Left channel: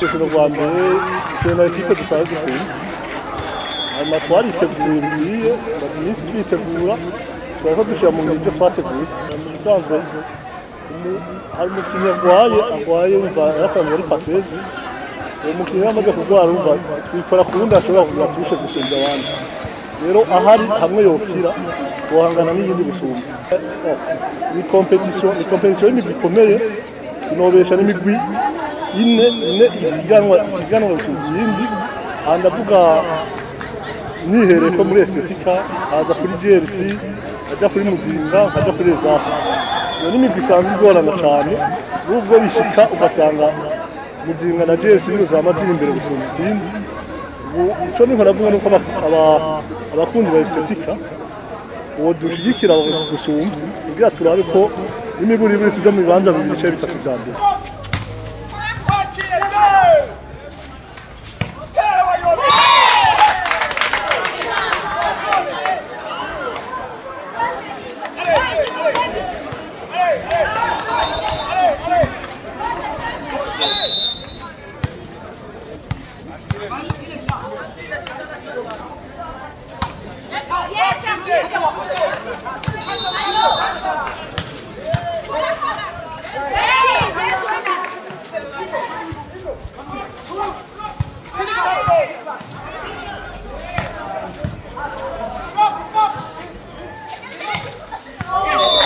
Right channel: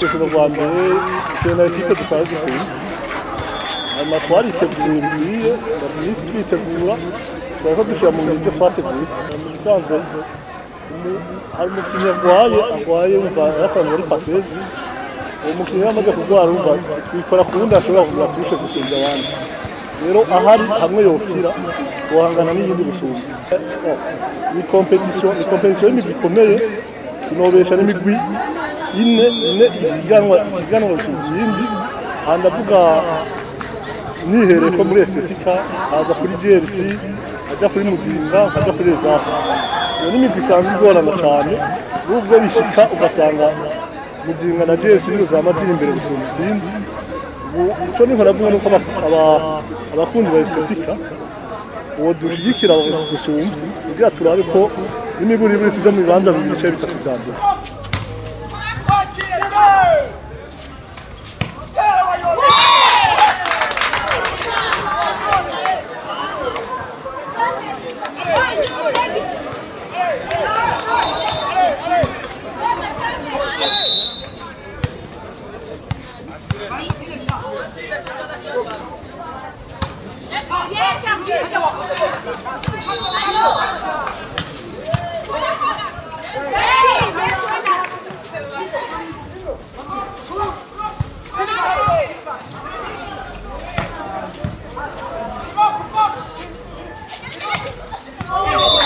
urukino rwa mbere na ekipe dusanzwe dusunze hanyuma twariteguye bikwiye tumaze iminsi twitegura twari ko dushyira mu ngiro ibyo twateguye mu bisanzwe hari umukinnyi arwaye wumva yasanzwe ari pasezi uwo mukinnyi yamaze kurwara wumva twikora ku wundi ashobora kugira turushe gusumbya abandi rero ahari hamwe yokira guhangana n'iyindi busumbya ni competition y'imigwi ikomeye sinobesha n'imigwi ine ihiganwa gusumba iyindi aha ndavuga nihereye ko muri estetika haza kuri GRC ajya kuri Muzinga ajya kuri Ezasi iyo n'imigwi isanzwe igorana cyane nubwo bishika ugasanga Muzinga na GRC nizo zamazira imbere gusumba izindi icyo niho navuga nuko abakunzi ba estetika uwo dushigikira gusumba kugira turabe ko n'imiburiburi tujya mu bibanza bibiri cyangwa bitatu bya mbere